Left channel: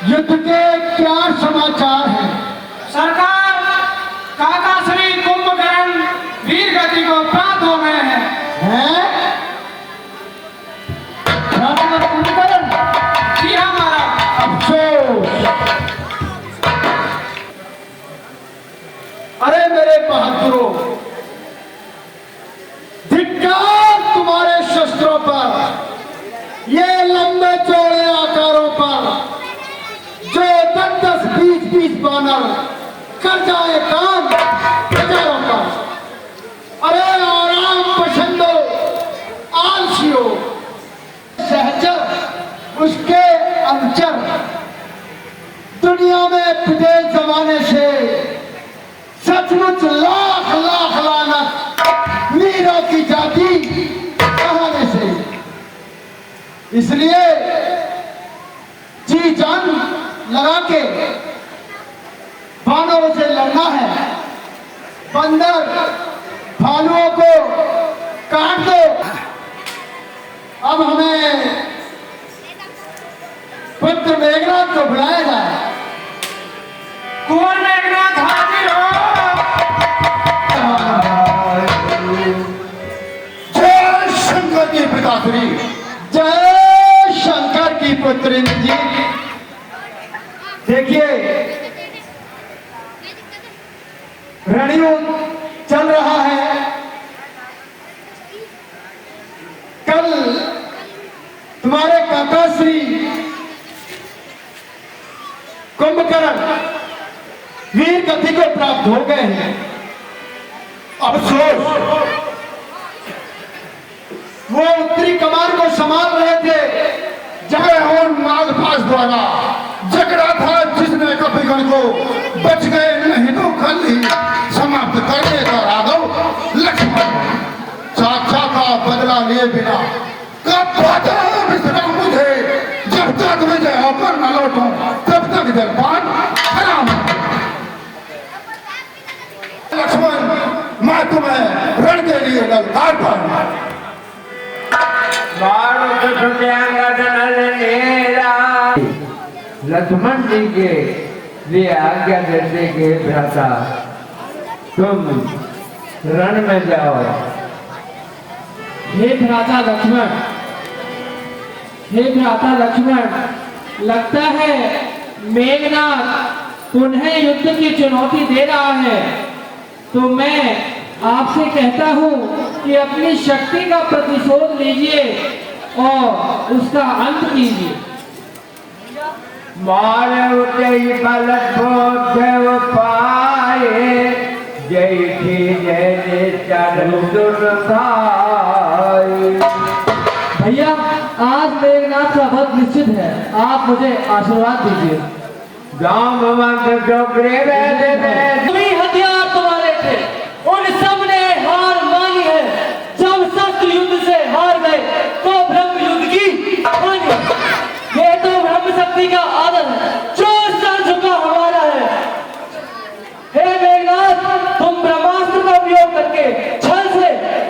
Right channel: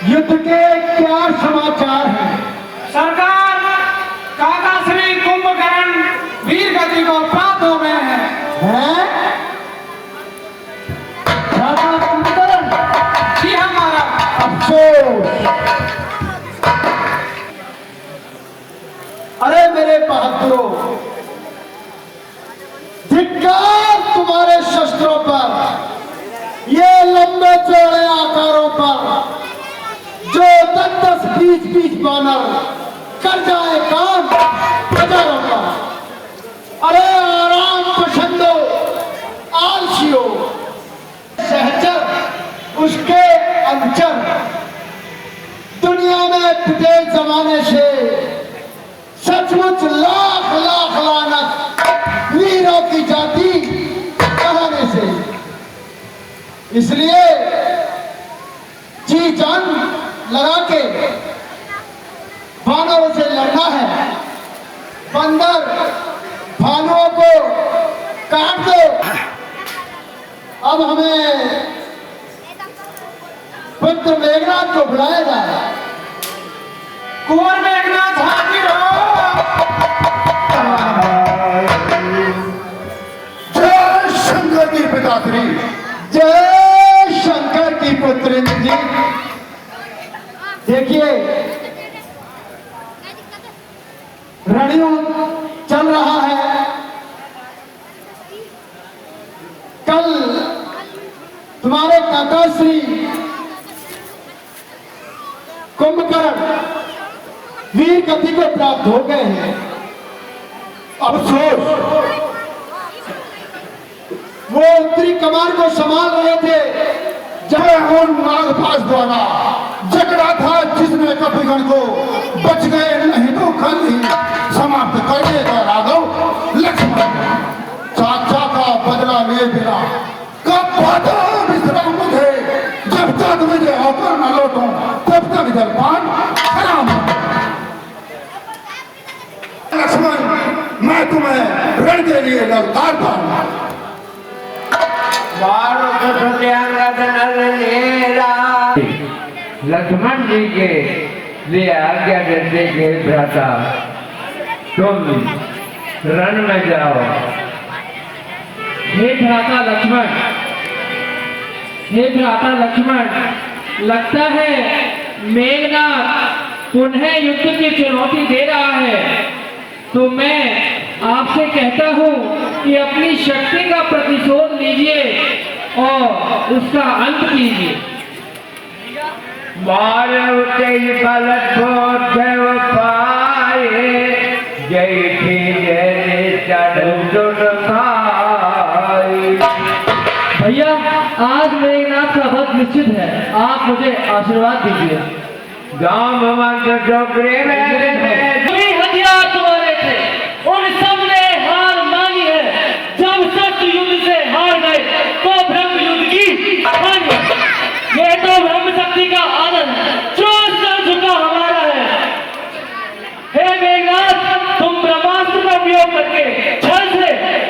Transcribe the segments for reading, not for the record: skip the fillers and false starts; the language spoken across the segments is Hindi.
युद्ध के क्या समाचार हैं? सरकार, काका श्री कुंभकर्ण वीर गति को प्राप्त हो गए हैं। हैं? राजा कुंभकर्ण? जी हमारा अफसोस। अरे मेरे बहादुरों, धिक्कार तुम्हारे शस्त्रों पर, ये लंबे चौड़े आकारों पर जो 10-10, 20-20 बानर कर जाए काम हजारों का। अरे आराम पसंदो, आलसियो, सहचर उसके अंचर, दुनिया में पिटे जमाने से सचमुच लाख लाख लानत वीरों की जाति कहने से। इसलिए जी जान लगा के बानरों से लड़ना है। बंदर भालुओं को काट दो। अब हमें पुत्र मेघनाथ को बुलाया जाए। कुंवर मेघनाथ हाजिर हो। जय शंकर की पिताश्री, जय शंकर की पुत्री जी। देखिए, रणयुद्ध चल रहा है। कल तुम्हारे काका श्री कुंभकर्ण वीर गति को प्राप्त हो गए हैं। अफसोस, वो उत्तरी कमान को संभाल रहे थे जहां उन नागपाश द्वारा झगड़ा था, जिसने कपिगण को बच गए नहीं तो कल ही समाप्त कर देगा राघव लक्ष्मण। चाचा का बदला लिए बिना कब पाता विश्राम मुझे, जब तक विजय होकर न लौटूं तब तक जलपान हराम। लक्ष्मण, मैं तुम्हें रण के लिए ललकार दूंगा। लक्ष्मण जी के लिए आज्ञा देते के भ्राता, तुम रण में जाओ। हे भ्राता लक्ष्मण, हे भ्राता लक्ष्मण, लगता है मेघनाथ पुनः युद्ध की चुनौती दे रहा है। तो मैं आपसे कहता हूँ कि अपनी शक्ति का प्रतिशोध लीजिए और उसका अंत कीजिए। मारे तेज बलत देव पाए, जय थी जय चढ़ खाए। भैया, आज मेघनाथ का वध निश्चित है, आप मुझे आशीर्वाद दीजिए। गांव डोगरे में हथियार तुम्हारे थे, उन सब ने हार मानी है। जब शस्त्र युद्ध से हार गए तो ब्रह्म युद्ध की हानि है। ये तो ब्रह्म शक्ति का आदर है जो सर झुका हमारा है। हे मेघनाथ, तुम ब्रह्मास्त्र का उपयोग करके छल से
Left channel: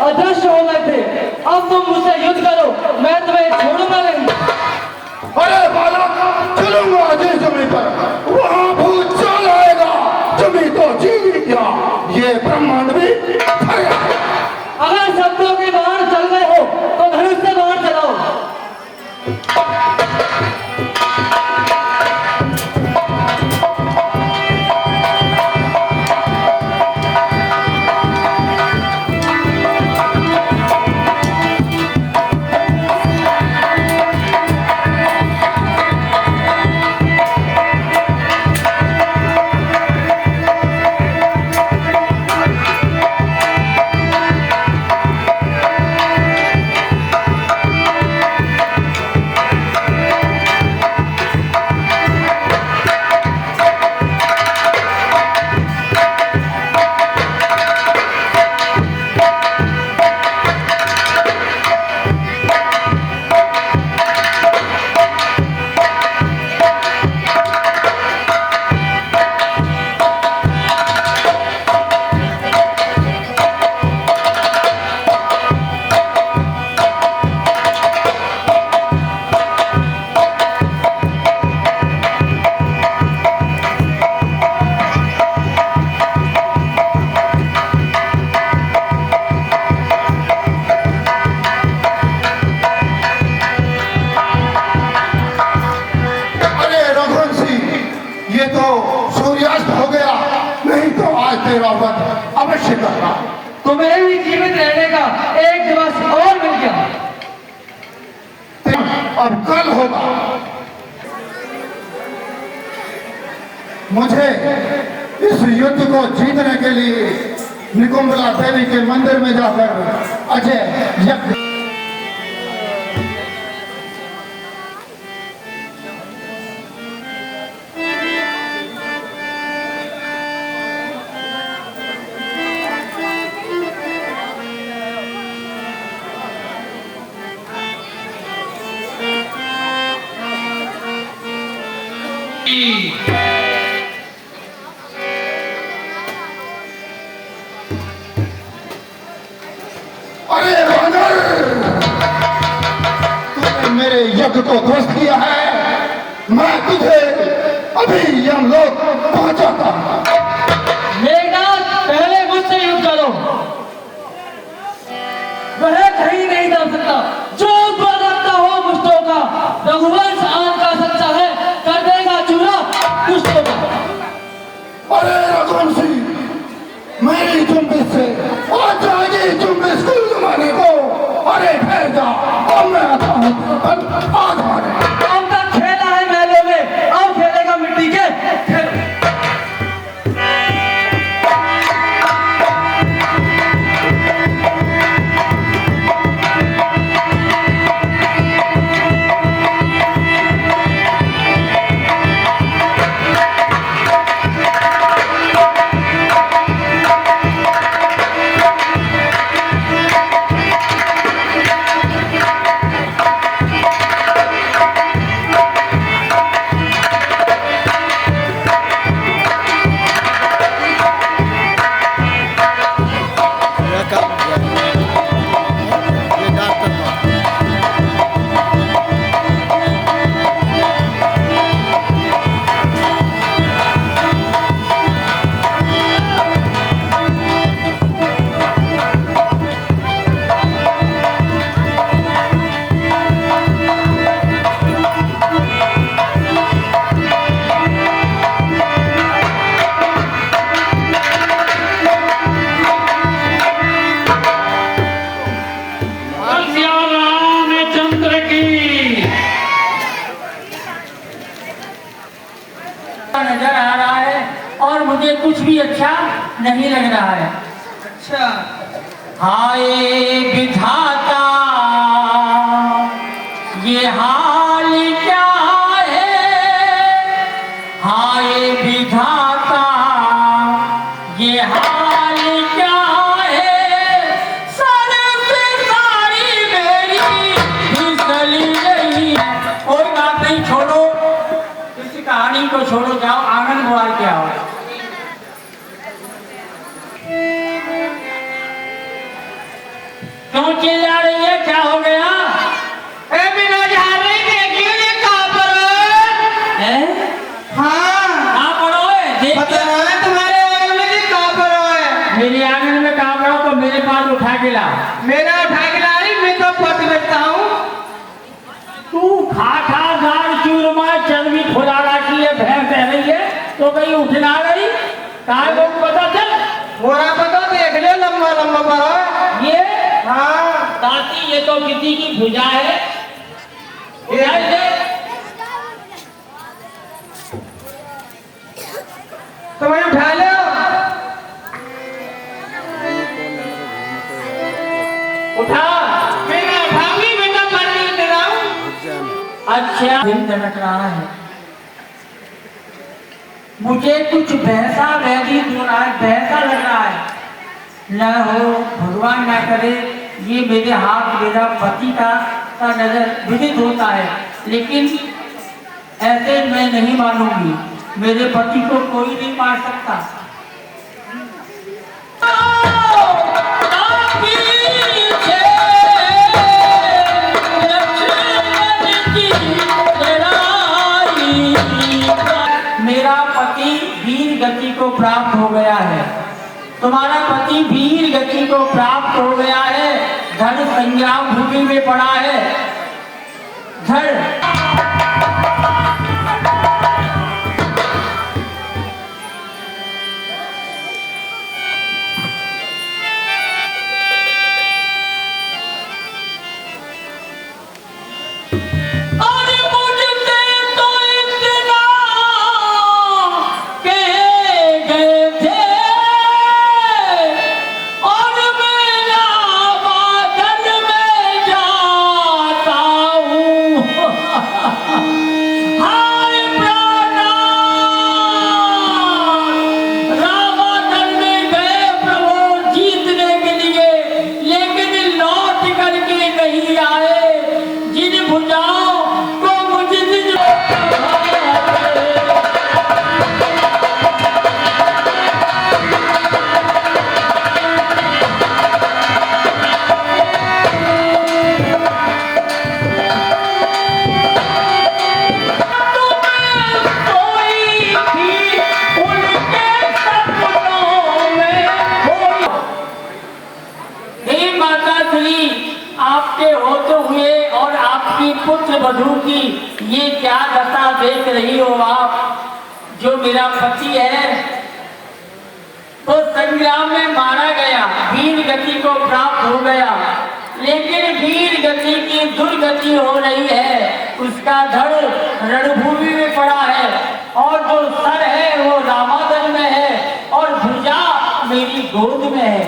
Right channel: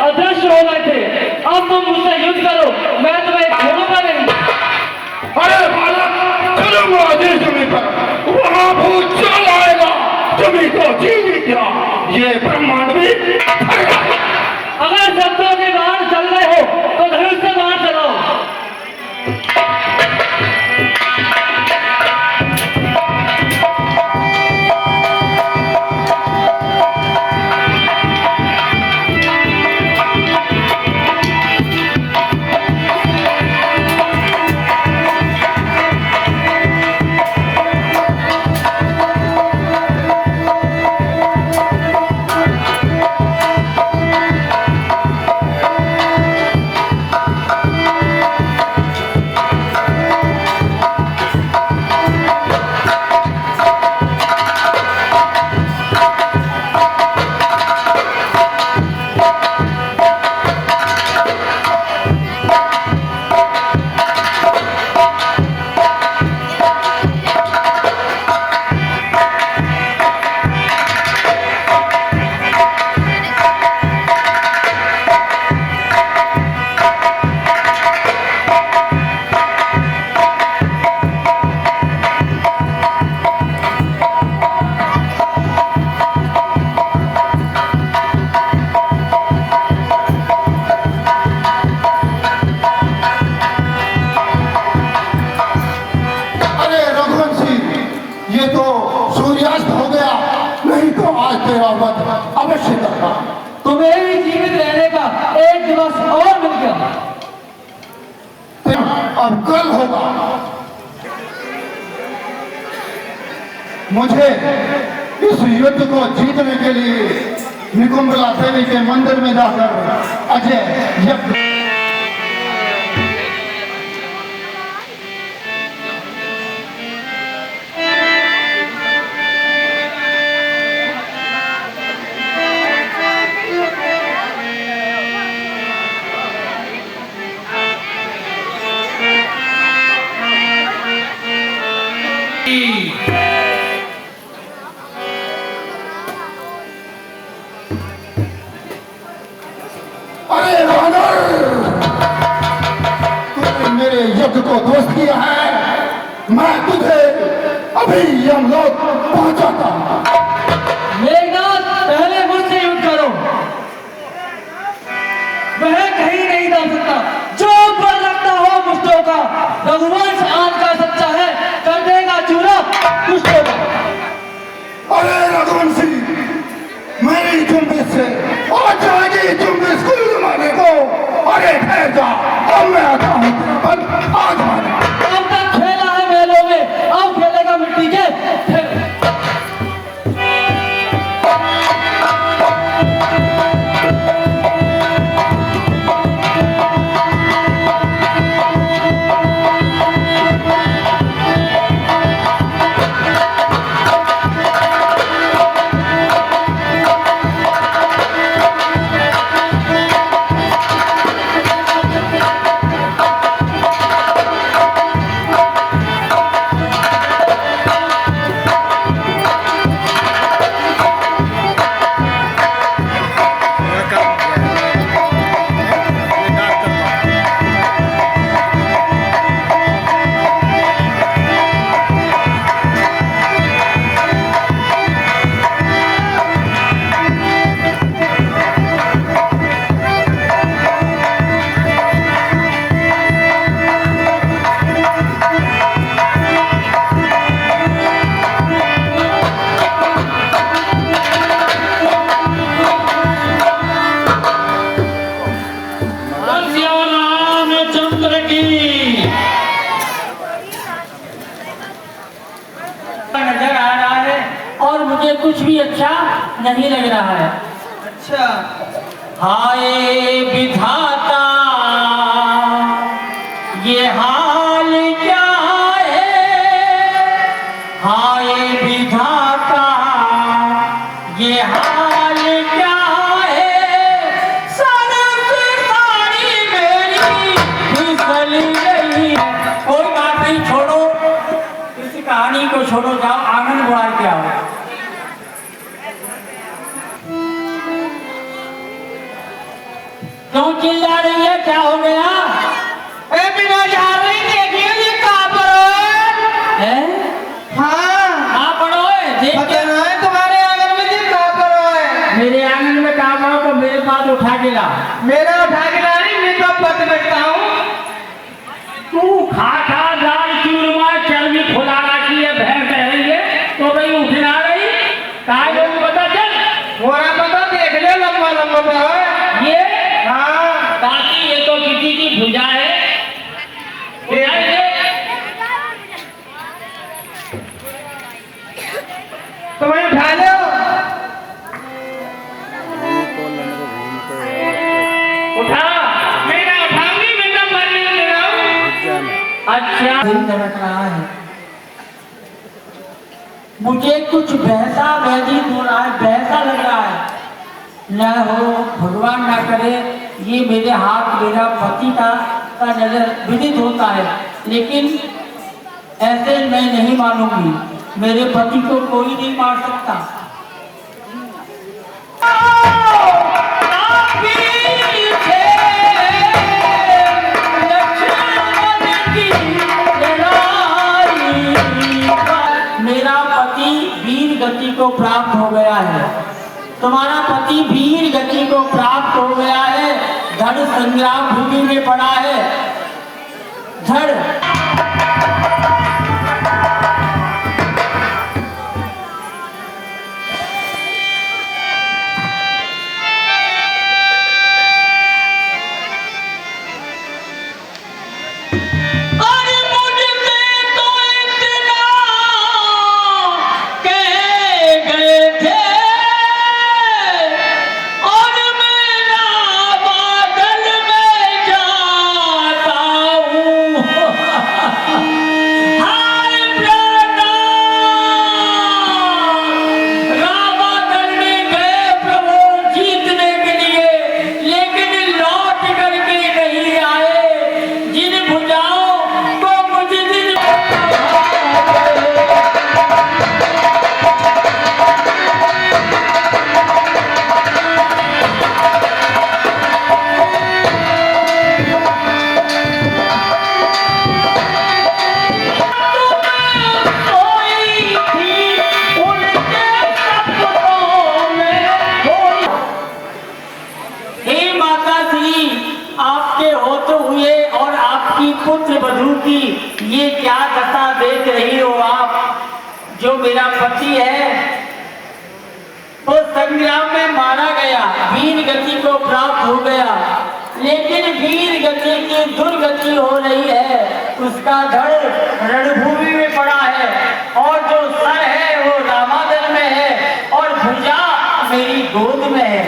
अदृश्य हो गए थे। अब तुम मुझसे युद्ध करो, मैं तुम्हें छोड़ूंगा नहीं। अरे बालक, चलूंगा जिस जमीन पर, वहां भूचाल आएगा, जमीन को जीवित क्या ये ब्रह्मांड भी फैलेगा। अगर शब्दों के बाहर चल गए हो तो धनुष से बाहर चलाओ। था। तुम्हें भी जीवित रहने का एक दिवस और मिल गया। अब कल होगा। मुझे इस युद्ध को जीतने के लिए निकुंभला देवी के मंदिर में जाकर अजय यज्ञ अरे वानर, तूने मेरे यज्ञ को ध्वस्त किया है। मैं तुझे अभी यमलोक पहुंचाता हूं। मेघनाथ, पहले मुझसे युद्ध करो। वह कहीं नहीं जा सकता। जो ऊपर रखता हो मुझको का रघुवंश आन का सच्चा है, कर देगा चूरा मुझको का। अरे रघुवंशी, मेरी जुम्बिश से और जाएगी जुम्बिश कुल जमाने को। अरे ठहर जा, अब मैं आता हूँ पर आज माने। अब तक खेला है महलों में, अब खेलेगा मिट्टी के खेल। नजर आ रहा है और मुझे कुछ भी अच्छा नहीं लग रहा है। अच्छा, हाय विधाता, ये हाल क्या है? हाय विधाता, ये हाल क्या है? सर से साड़ी मेरी फिसली गई है। कोई बात नहीं, छोड़ो इस कहानी को, छोड़ो, जाओ आंगन बुआई के आओ। क्यों चिल्ला रही है, क्या हो गया? ए बिना जा रही देखिए ये कहाँ पर है? हाँ, कहाँ पड़ो है? देख पता के- है तुम्हारे आंगन में जी कहाँ पर है? मेरे आंगन में कहाँ पड़ो तो मेरे पास उठा के ला। मेरा उठा के ला रही, मैं तो पत बैठता हूँ। तू खाता दाल चूरमा चर्बी फुला रखी है, भैंस रह रही है तो कहीं उठला रही? काय लोग पता चल, मोरा पता देख ले, लंबा लंबा बाल है। ये हाँ, ताकि ये तो किसी की भुजा है। भुजा है। तो मैं उठा लो। उठा। मेरा उठाऊंगी, बेटा पर नहीं ले रहा हूँ। अच्छा, दिल धड़क रहा है, मुझे कुछ बहसा बहदी हो रहा है, बहसा लग रहा है। न हो, भगवान ना करे ये मेरे हाथ, मेरा पति का नजर विदित होता है, लेकिन ऐसे मैं नहीं मानूंगी। मेरे पति को कोई नहीं मार सकता। मेरा पति वीर गति को प्राप्त हो गया है, तुम्हारा पति वीर गति को प्राप्त हो गया है, धड़ संग्राम भूमि में पड़ा है। धड़ पुत्र वधू की ये क्या दशा देख रही हो आप? जो मेरा पति है वो संग्राम में मारा गया, वीर गति को प्राप्त हो गया, लेकिन वीर गति की दुर्गति हो रही है। उसका धड़ रणभूमि में पड़ा है और जो सर है वो रामादर में है और भुजा मेरी गोद में है।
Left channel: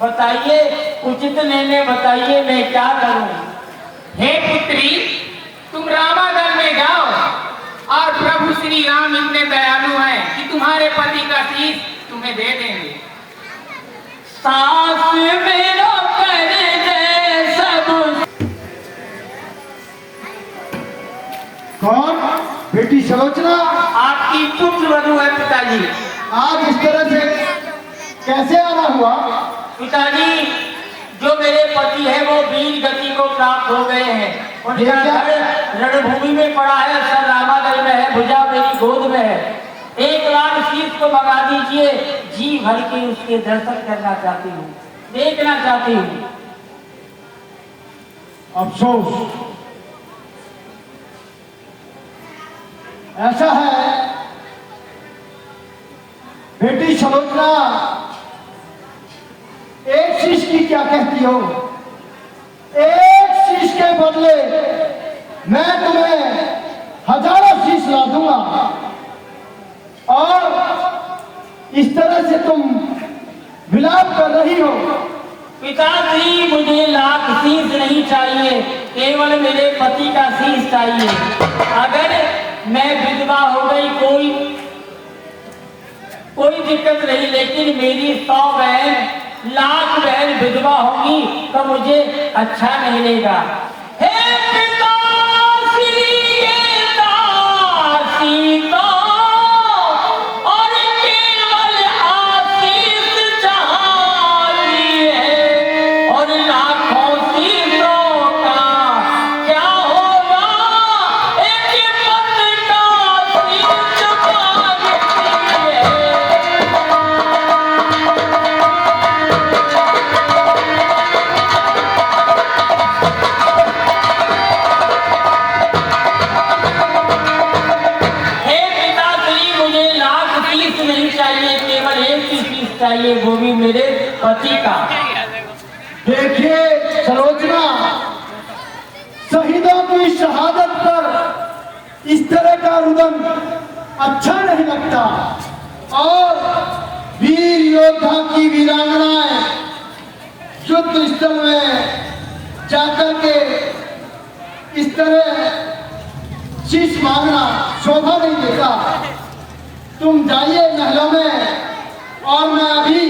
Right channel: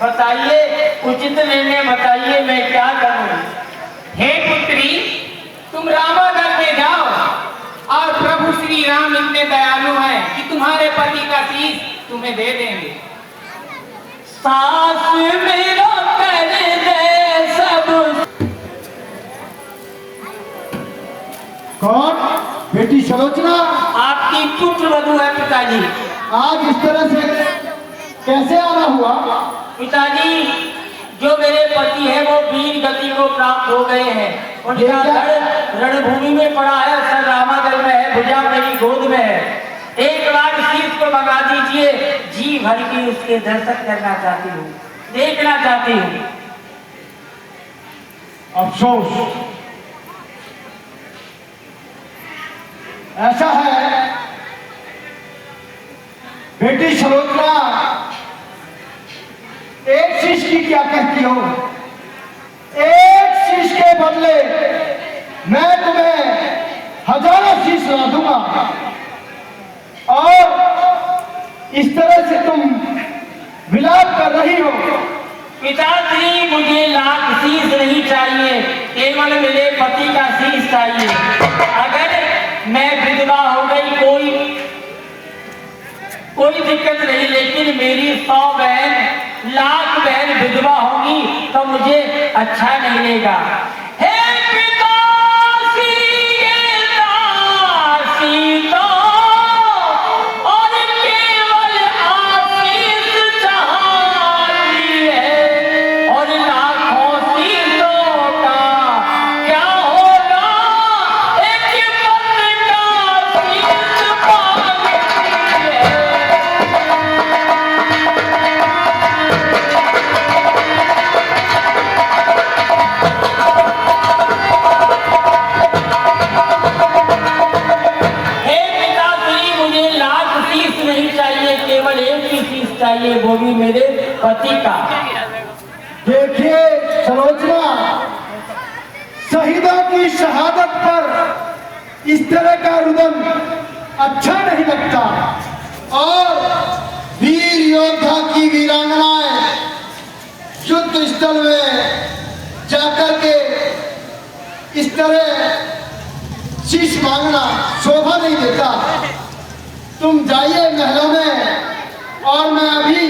बताइए, उचित निर्णय बताइए, मैं क्या करूं? हे पुत्री, तुम रामागढ़ में जाओ और प्रभु श्री राम इतने दयालु हैं कि तुम्हारे पति का शीश तुम्हें दे देंगे। सास मेरा कर दे सब। कौन? बेटी सलोचना? आपकी पुत्र वधू है पिताजी। आज इस तरह से कैसे आना हुआ? पिताजी, जो मेरे पति है वो वीर गति को प्राप्त हो गए हैं। उनका धड़ रणभूमि में पड़ा है, सर रामागढ़ में है, भुजा मेरी गोद में है। एक बार शीश को मंगा दीजिए, जी भर के उसके दर्शन करना चाहती हूँ, देखना चाहती हूँ। अफसोस ऐसा है बेटी सलोचना, एक शीश की क्या कहती हो? एक शीश के बदले मैं तुम्हें हजारों शीश ला दूंगा और इस तरह से तुम विलाप कर रही हो। पिताजी, मुझे लाख शीश नहीं चाहिए, केवल मेरे पति का शीश चाहिए। अगर मैं विधवा हो गई कोई दिक्कत नहीं, लेकिन मेरी 100 बहन लाख बहन विधवा होगी तो मुझे अच्छा नहीं लगेगा। हे पिता सीता और केवल आशीष चाहिए है और लाखों शीशों का क्या होगा, एक पति का शीश मांगती है। नहीं चाहिए, केवल एक ही चीज चाहिए, वो भी मेरे पति का। देखिए सलोचना, शहीदों की शहादत पर इस तरह का रुदन अच्छा नहीं लगता और वीर योद्धा की वीरांगनाएं युद्ध स्थल में जाकर के इस तरह शीश मांगना शोभा नहीं देता। तुम जाइए महलों में और मैं अभी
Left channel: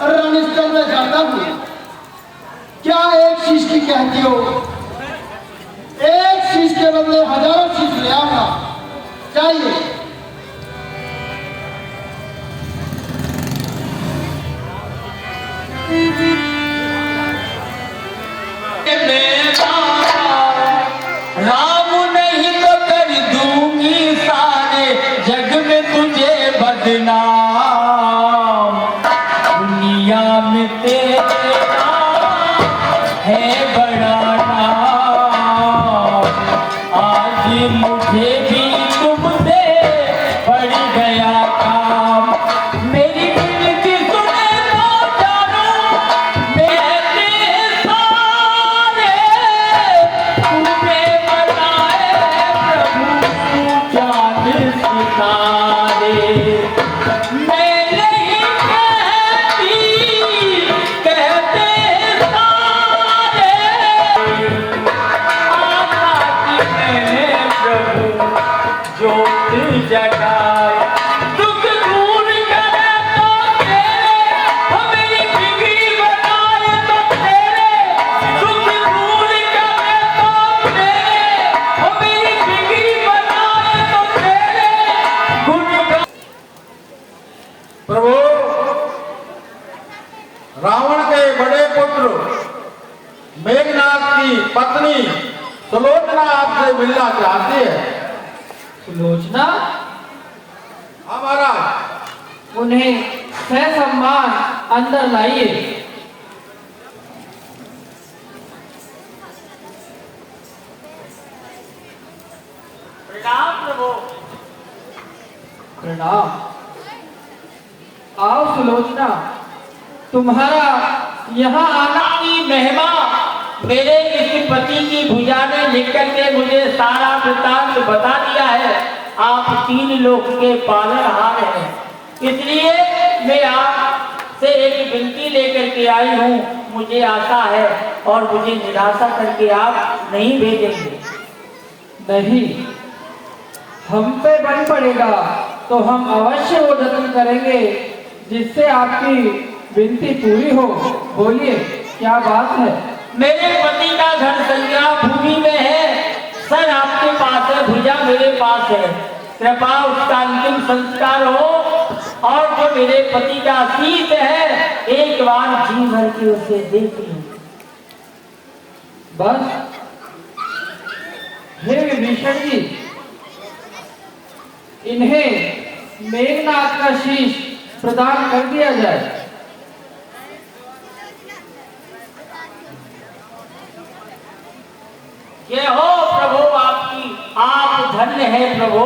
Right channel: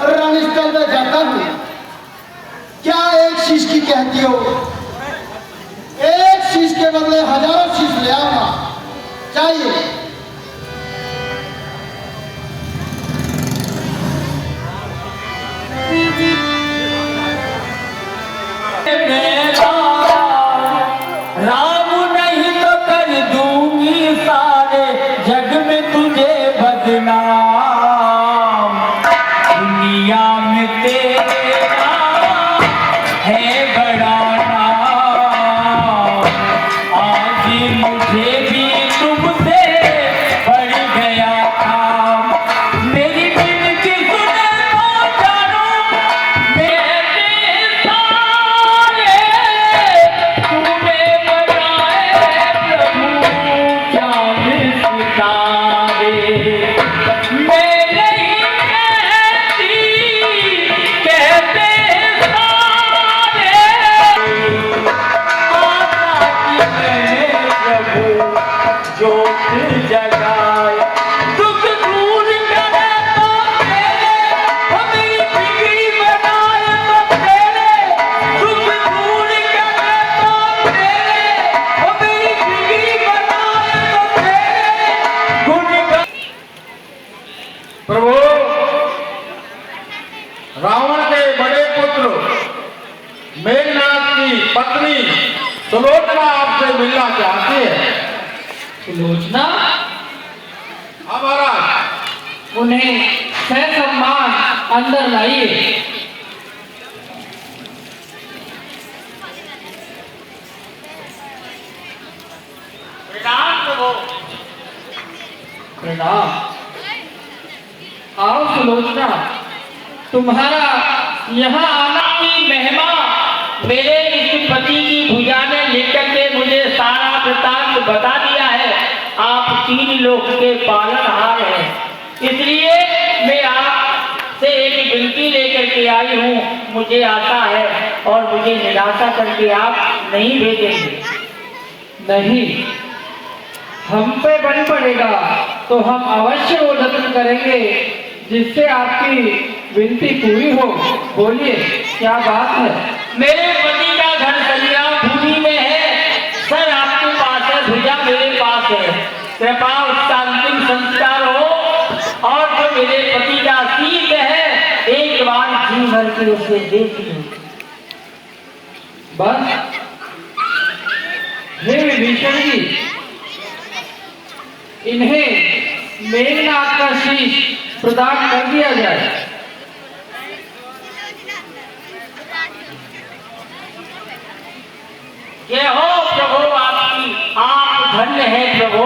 रणस्थल में जाता हूँ। क्या एक शीश की कहती हो? एक शीश के बदले हजारों शीश ले आऊंगा, चाहिए। राम नहीं तो कर दूंगी सारे जग में तुझे बदनाम। दुनिया में तेरा है बड़ा नाम, आज मुझे भी तुमसे बढ़ गया काम। मेरी विनती सुने तो जानो, मेरे सारे तूने बनाए प्रभु जान सितारे। मैं नहीं कहती, कहते सारे आता कि मैंने प्रभु जोत जगाया। दुख दूर करे तो तेरे, हमें बिगड़ी बनाए तो तेरे। दुख दूर करे तो तेरे, हमें बिगड़ी बनाए तो तेरे। गुण प्रभु, रावण के बड़े पुत्र मेघनाथ की पत्नी सुलोचना आपसे मिलना चाहती है। सुलोचना, हाँ महाराज। उन्हें ससम्मान अंदर लाइए। प्रणाम। आओ सुलोचना, तुम्हारा यहाँ आना की महिमा मेरे इस पति की भुजा ने लिख करके मुझे सारा वृतांत बता दिया है। आप 3 लोक के पालनहार हैं, इसलिए मैं आपसे एक विनती लेकर के आई हूँ। मुझे आशा है और मुझे निराशा करके आप नहीं भेजेंगे। नहीं, हम पे बन पड़ेगा तो हम अवश्य वो जतन करेंगे जिससे आपकी विनती पूरी हो। बोलिए, क्या बात है? मेरे पति का घर कल्याणभूमि में है, सर आपके पास है, भुजा मेरे पास है। कृपा उसका अंतिम संस्कार हो और जो मेरे पति का शीत है एक बार जी भर के उसे देख लूं। बस हे विभीषण जी, इन्हें मेघनाथ का शीश प्रदान कर दिया जाए। ये हो प्रभु आपकी, आप धन्य है प्रभु,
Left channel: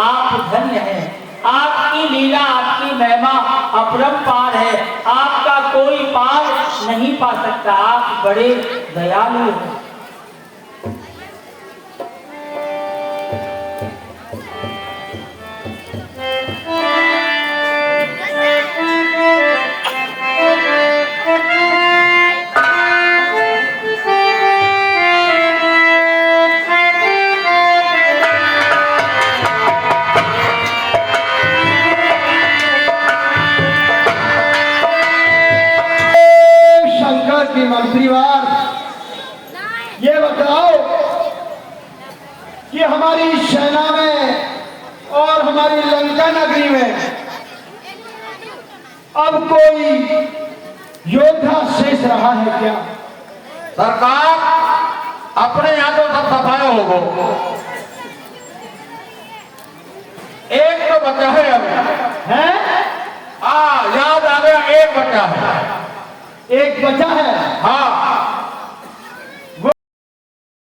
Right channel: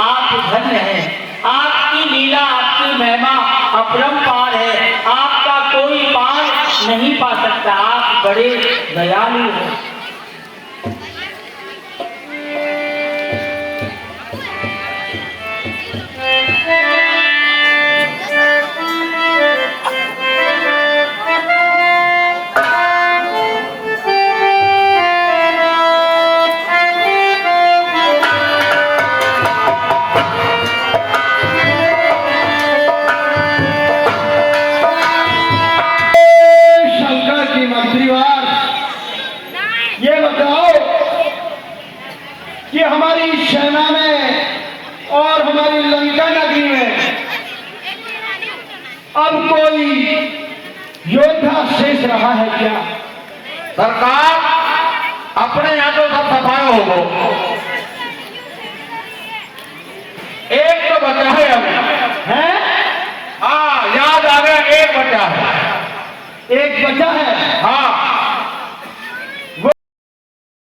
आप धन्य है। आपकी लीला, आपकी महिमा अपरंपार है, आपका कोई पार नहीं पा सकता। आप बड़े दयालु हैं। मंत्रीवार, ये बताओ कि हमारी सेना में और हमारी लंका नगरी में अब कोई योद्धा शेष रहा है क्या? सरकार, अपने यहाँ तो सब सफाया हो गो, एक तो बचा है अभी। है? हाँ, याद आ गया, एक बचा है। एक बचा है।